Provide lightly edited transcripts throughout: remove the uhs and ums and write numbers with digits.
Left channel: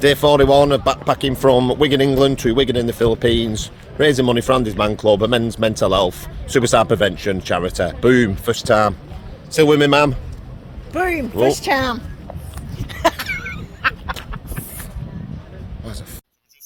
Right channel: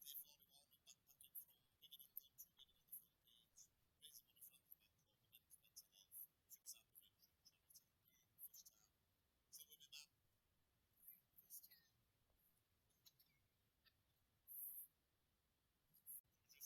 Day 41 of backpacking from Wigan, England to Wigan in the Philippines, raising money for Andy's Man Club, a men's mental health, suicide prevention charity. Boom, first time. Still with me, ma'am? Boom, first time.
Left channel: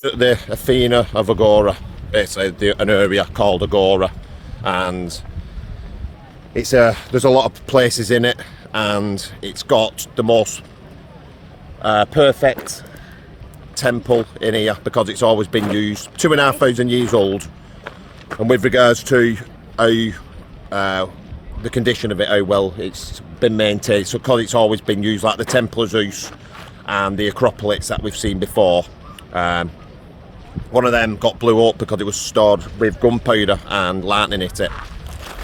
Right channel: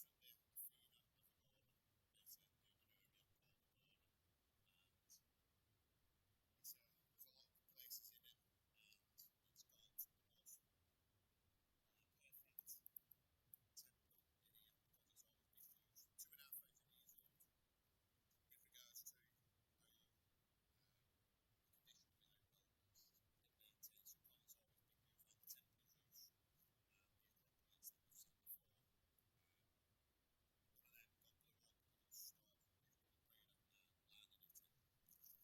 The Athena of Agora, basically an area called Agora, and it's there's a lot of places in it, and it's got the most perfect temple in here because it's always been used. 2,500 years old, and with regards to how the condition of it, how well it's been maintained, so because it's always been used, like the Temple of Zeus and the Acropolis that we've seen before. One of them got blew up because it was stored with gunpowder and lightning hit it.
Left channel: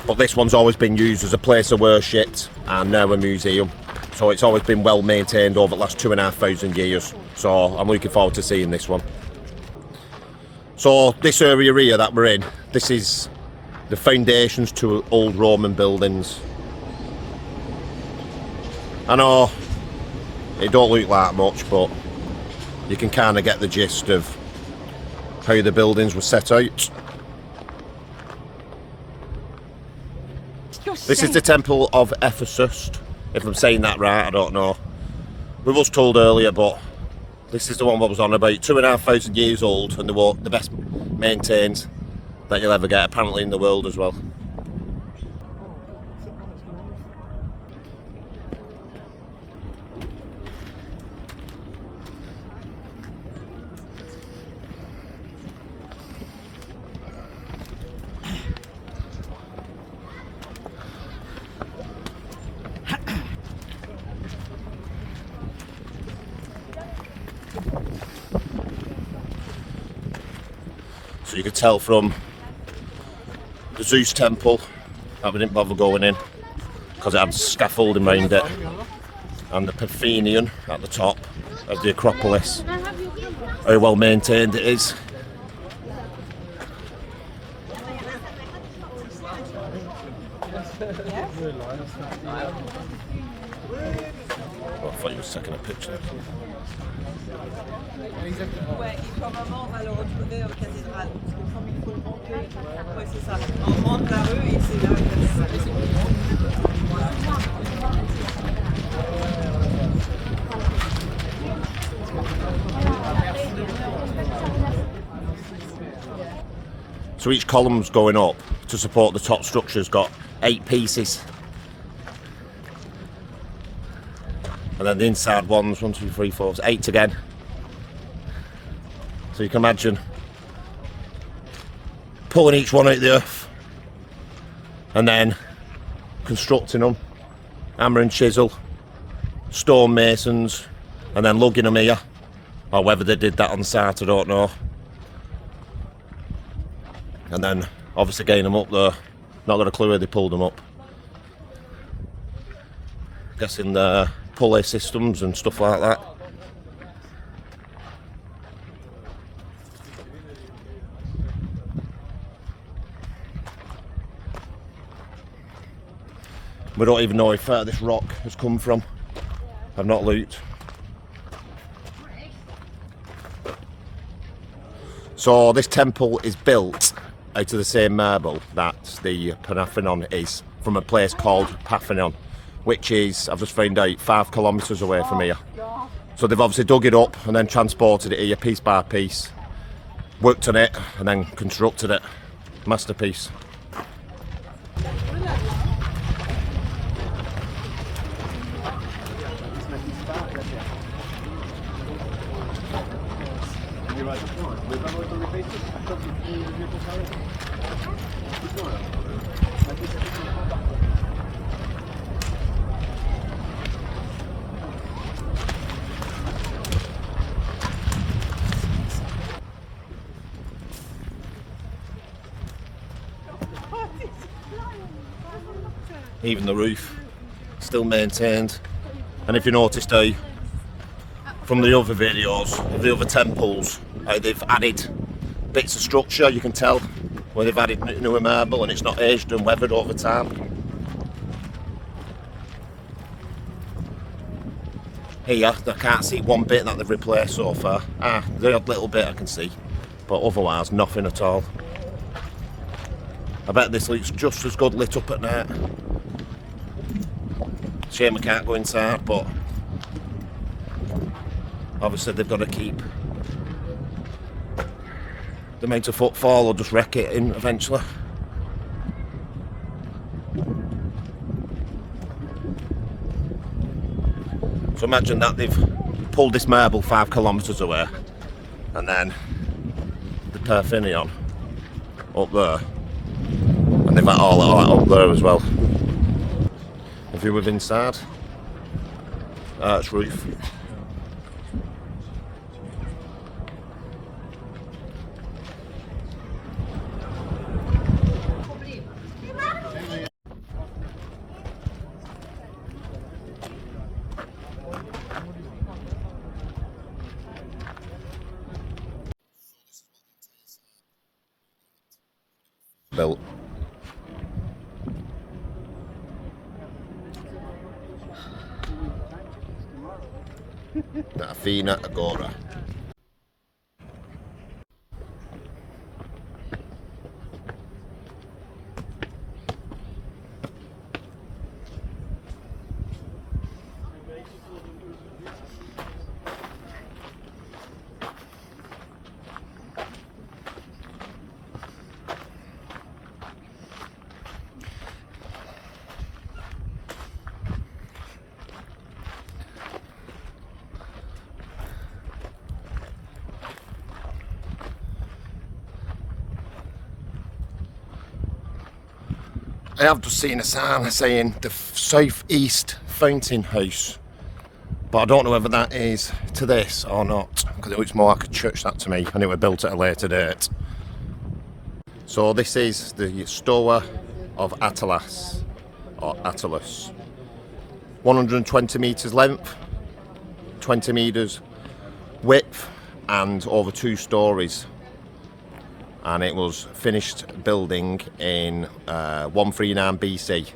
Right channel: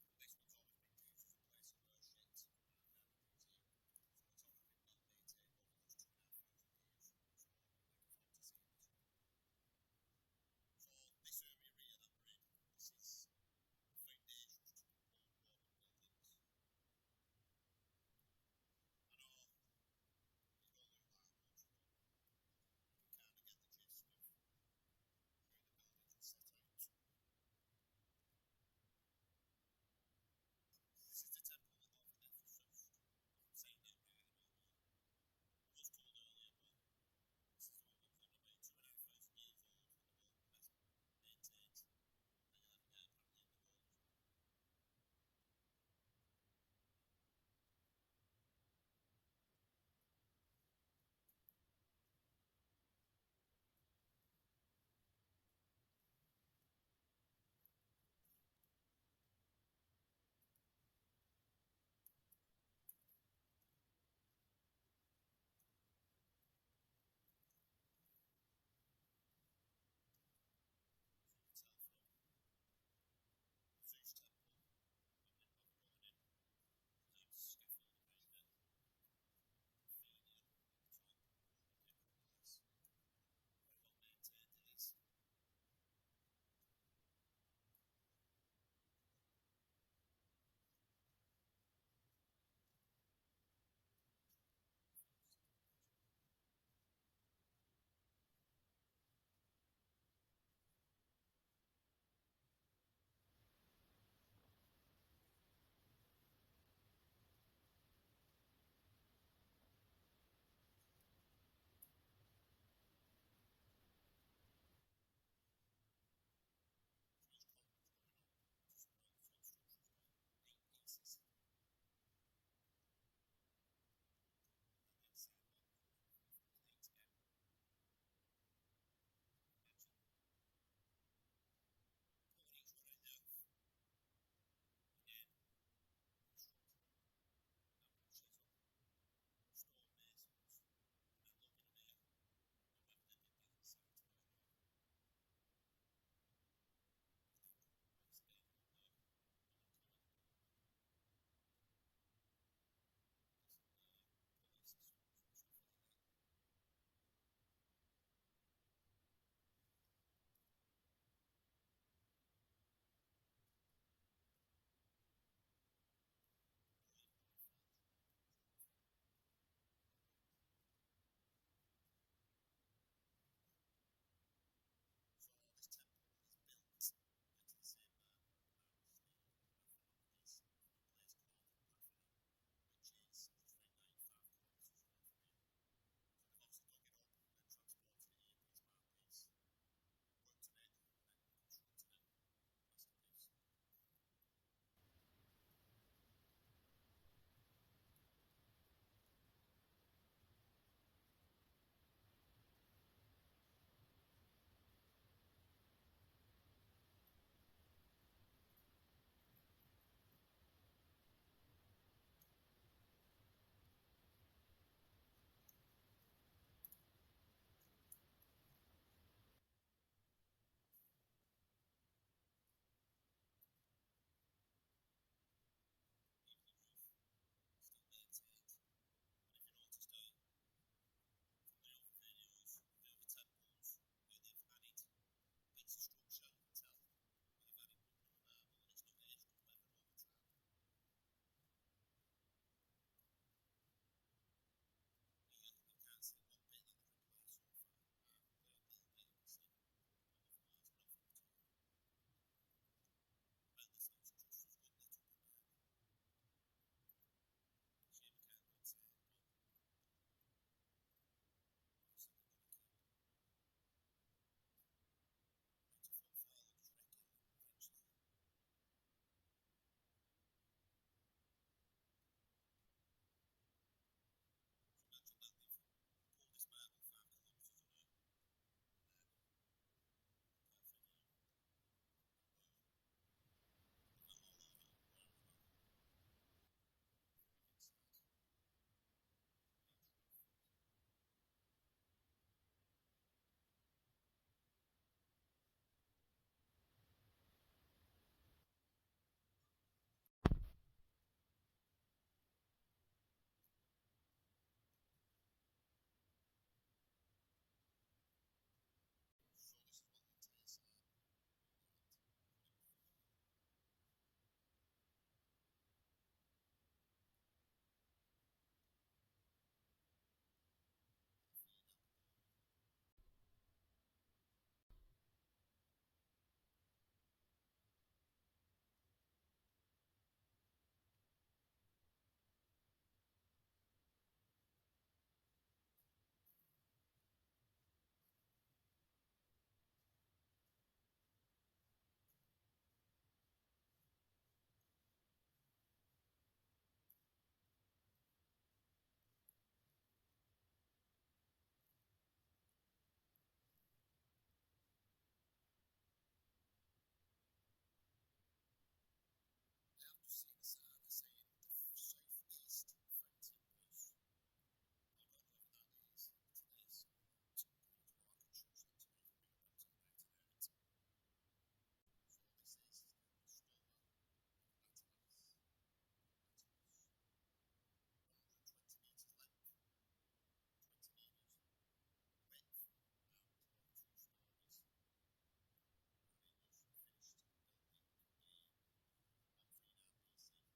But this one's always been used as a place of worship and now a museum. So it's always been well maintained over the last 2,500 years. So I'm looking forward to seeing this one. So this area here that we're in, this is the foundations to old Roman buildings. I know it don't look like much, but you can kind of get the gist of how the buildings were set out. This is the Temple of Ephesus, if I'm saying that right, I don't know. We was told earlier, but this is the one that was on about. 2,500 years old, and the best maintained that you'll ever get, apparently in the world as well. So you could tell from the Zeus temple that we didn't bother going in because it had scaffolding around it, and the Parthenon at the top of the Acropolis, how well maintained it is. Oh, I thought you were taking a picture. Ouais, et probablement on va le retrouver aux cathédrales, parce que comme il faut le monter, ouais c'est ça, on monte la rue et c'est là où So each column's going up to support the top structure's got 8 pieces. And then the inside ones, 1, 2, 3, 4, 8 again. So you can imagine pulling each one out of the earth and then constructing them, hammer and chisel, stonemasons, and then lugging them here. Or whether they did that on site, I don't know. And then obviously getting them up there. Not got a clue where they pulled them up. Guessing the pulley systems and stuff like that. We don't even know if this rock has come from. I've not looked. So this temple is built out of the same marble that the Parthenon is, from a place called Parthenon, which is, I've just found out, 5 kilometres away from here. So they've obviously dug it up and then transported it here piece by piece, worked on it and then constructed it. Masterpiece. Even the roof still maintained, and if you noticed how from the other videos of the other temples how they've added bits of structure, you can tell where they've added newer marble and it's not aged and weathered over time. here, I can't see one bit that they've replaced so far. The odd little bit I can see, but otherwise nothing at all. I bet this looks just as good lit up at night. Shame we can't go inside, but obviously they've got to keep the amount of footfall or just wreck it in eventually. So imagine that they've pulled this marble 5 kilometres away, and then the Parthenon up there, and they've got all that up there as well. A view of inside, arch roof. Built. Athena Agora. I have just seen a sign saying the South-East Fountain House, but I don't know whether that is to this or not, because it looks more like a church, that to me, and it was built at a later date. So this is the Stoa of Attalus, or Attalus. 120 metres length, 20 metres width, and over 2 stories. And it was finished building in 139 BC.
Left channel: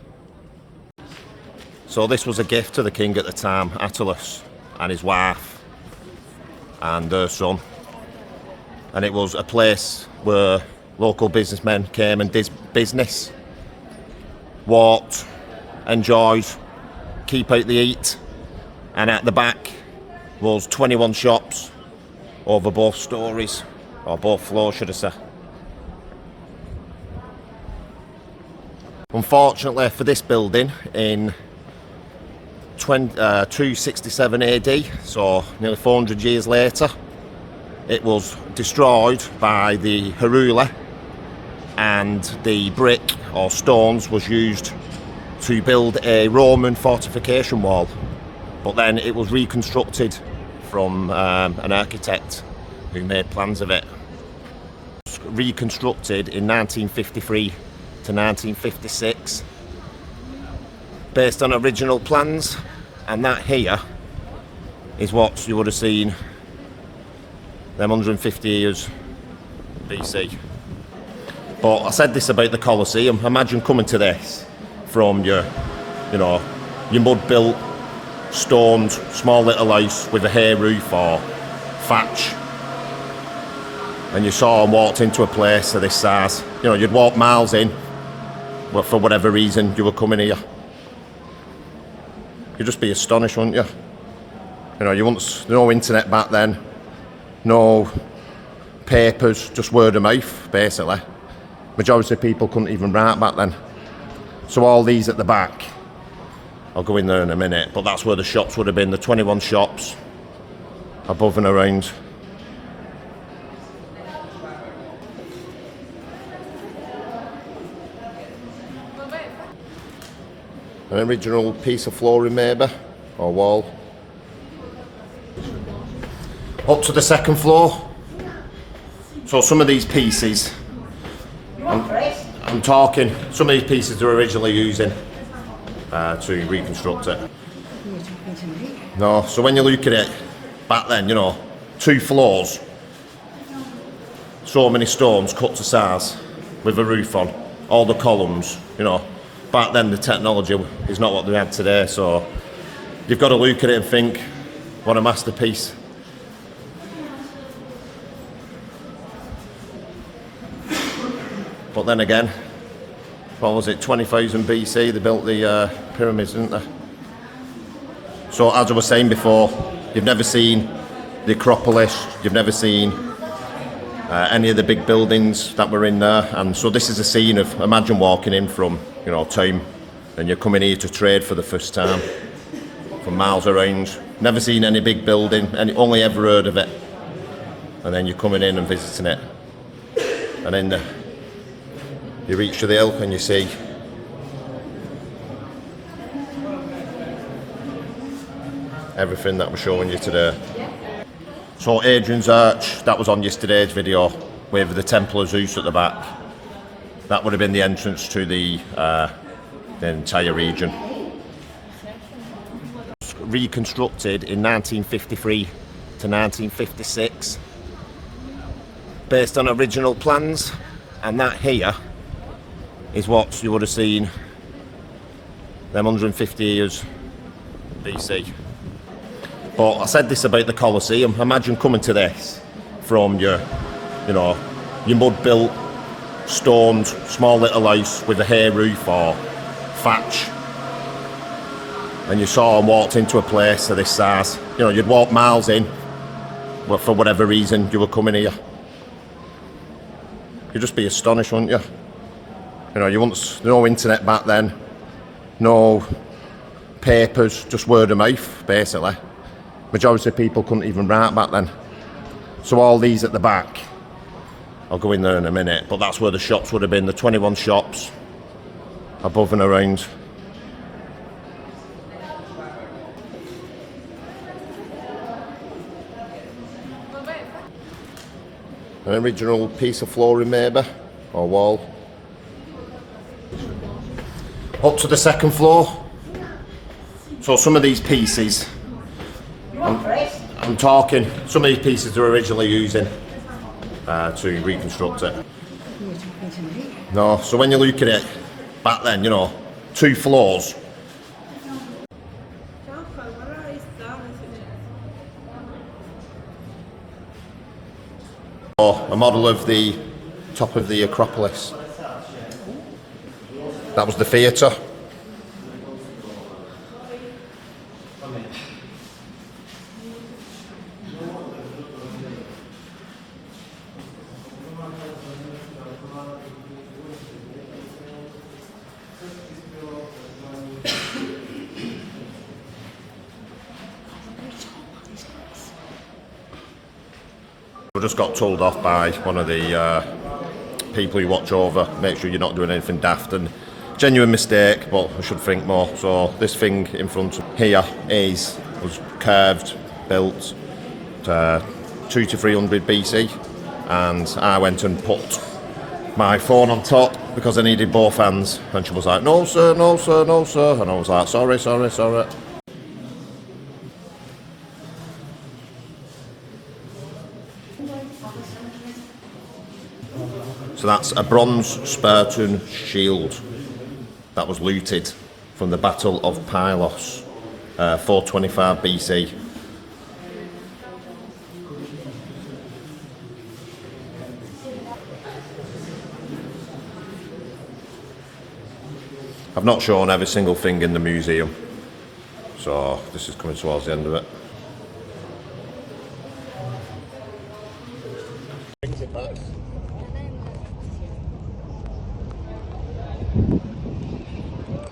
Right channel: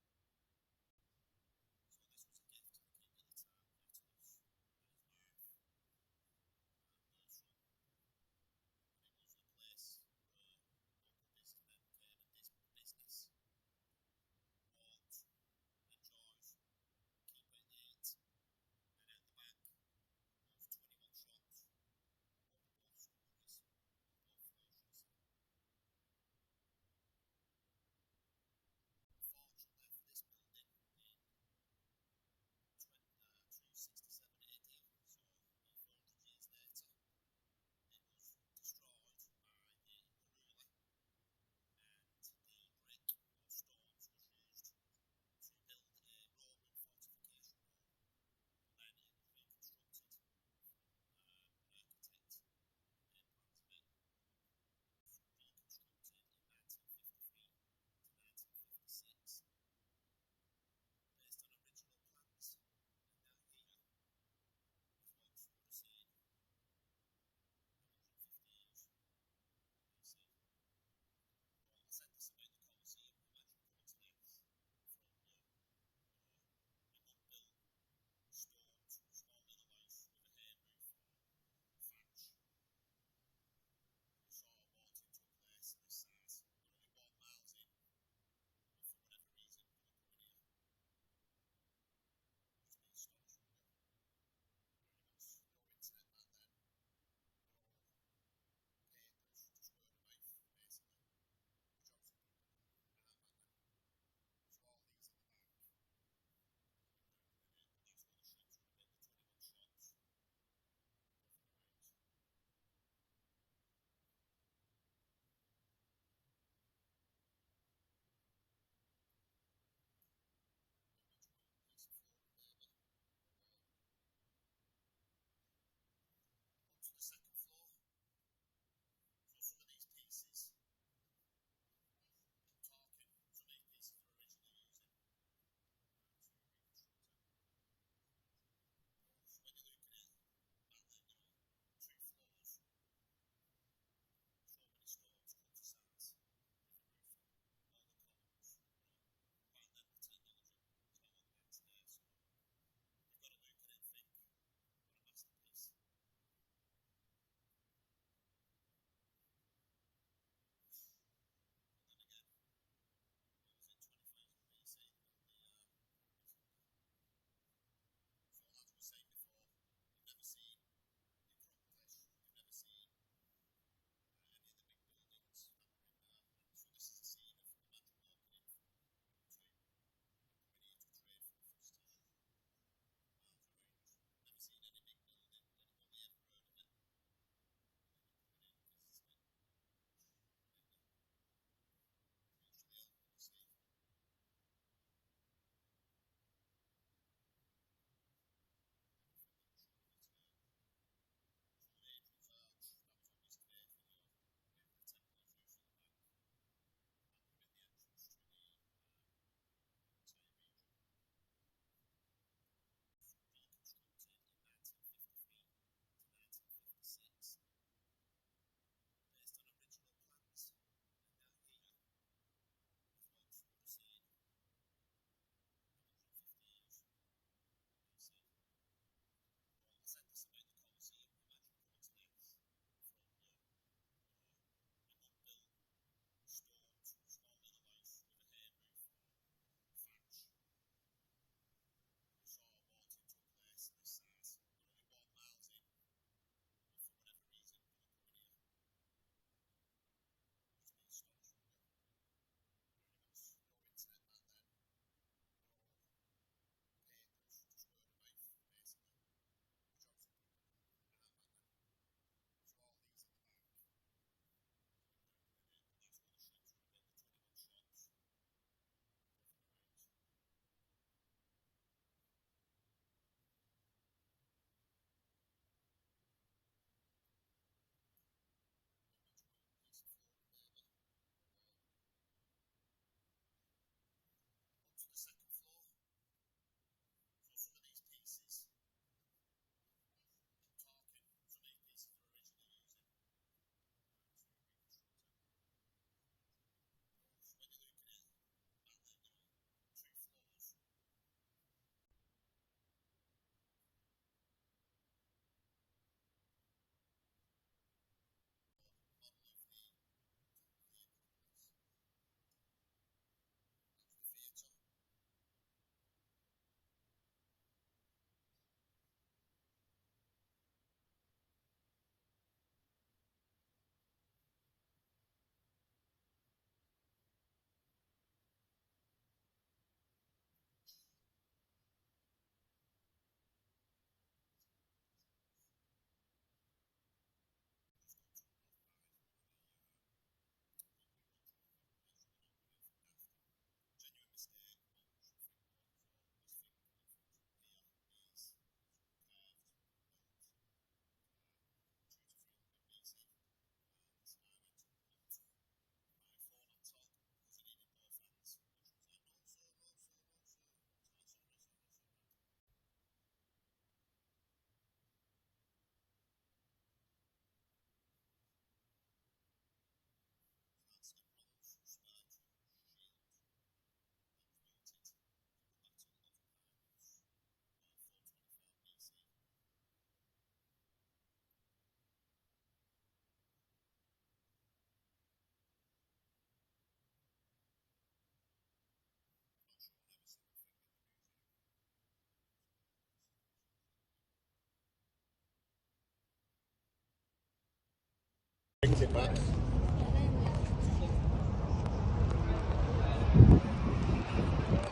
So this was a gift to the king at the time, Attalus, and his wife and their son. And it was a place where local businessmen came and did business, walked, enjoyed, keep out the heat. And at the back was 21 shops over both stories, or both floors should I say. Unfortunately for this building, in 267 AD, so nearly 400 years later, it was destroyed by the Heruli, and the brick or stones was used to build a Roman fortification wall. But then it was reconstructed from an architect who made plans of it. It was reconstructed in 1953 to 1956 based on original plans, and that here is what you would have seen them 150 years BC. But I said this about the Colosseum. Imagine coming to this from your mud built, stoned, small little house with a hay roof or thatch, and you saw and walked into a place of this size. You'd walk miles in, but for whatever reason you were coming here. You'd just be astonished, wouldn't you? You wouldn't, no internet back then, no papers, just word of mouth, basically. Majority of people couldn't even write back then. So all these at the back, I'll go in there in a minute, but that's where the shops would have been, the 21 shops above and around. An original piece of flooring maybe, or wall. Up to the second floor. So some of these pieces, I'm talking, some of these pieces they're originally using to reconstruct it. No, so when you look at it, back then, 2 floors, so many stones cut to size with a roof on, all the columns, back then the technology is not what they have today, so you've got to look at it and think What a masterpiece. But then again, what was it, 20,000 BC they built the pyramids, didn't they? So as I was saying before, you've never seen the Acropolis, you've never seen any of the big buildings that were in there, and so this is a scene of, imagine walking in from, you know, town, and you're coming here to trade for the first time, from miles around, never seen any big building, only ever heard of it, and then you're coming in and visiting it, and then you reach to the hill and you see everything that we're showing you today. So Hadrian's Arch, that was on yesterday's video, with the Temple of Zeus at the back. That would have been the entrance to the entire region. Reconstructed in 1953 to 1956, based on original plans, and that here is what you would have seen them 150 years BC. But I said this about the Colosseum. Imagine coming to this from your mud-built, stoned, small little house with a hay roof or thatch, and you saw and walked into a place of this size. You know, you'd walk miles in, but for whatever reason you were coming here. You'd just be astonished, wouldn't you? You know, you once no internet back then, no papers, just word of mouth, basically. Majority of people couldn't even write back then. So all these at the back, I'll go in there in a minute, but that's where the shops would have been, the 21 shops above and around. An original piece of flooring maybe, or wall. Up to the second floor. So some of these pieces, I'm talking, some of these pieces they're originally using to reconstruct it. No, so when you look at it back then, you know, 2 floors. A model of the top of the Acropolis. That was the theatre. We just got told off by one of the people who watch over, make sure you're not doing anything daft, and genuine mistake, but I should think more. So this thing in front of here was carved, built 200 to 300 BC, and I went and put my phone on top because I needed both hands, and she was like, no sir, no sir, no sir, and I was like, sorry, sorry, sorry. So that's a bronze Spartan shield that was looted from the Battle of Pylos, 425 BC. I've not shown every single thing in the museum, so this is coming towards the end of it. Brings it back.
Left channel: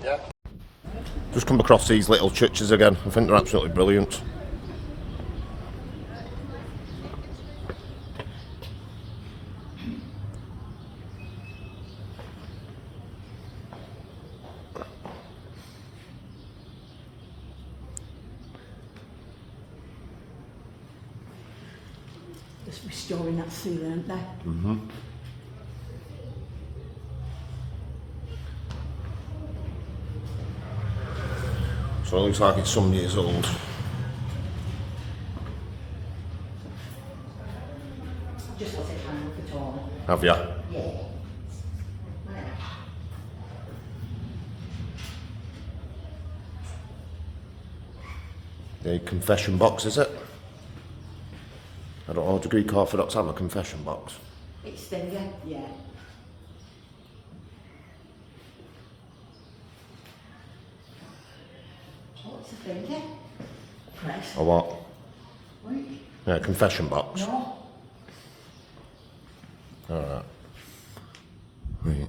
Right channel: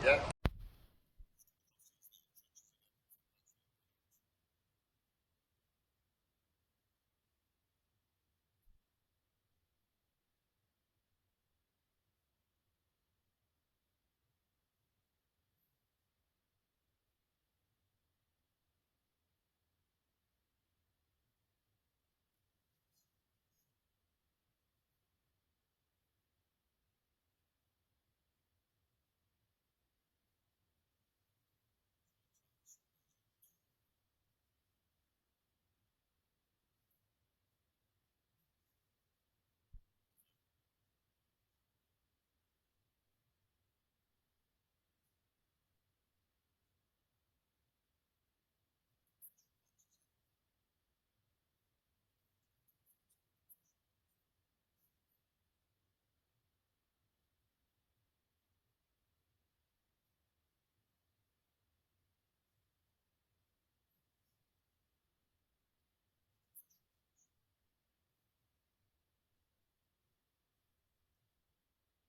Yeah. Just come across these little churches again. I think they're absolutely brilliant. Just restoring that ceiling, aren't they? Mm-hmm. So it looks like it's some years old. Just what they found at all. Have you? Yeah. The confession box, is it? I don't know, do Greek Orthodox have a confession box? It's thingy, yeah. Oh, it's a thingy. Press. Or what? Wait. Yeah, confession box. No. Alright. Right.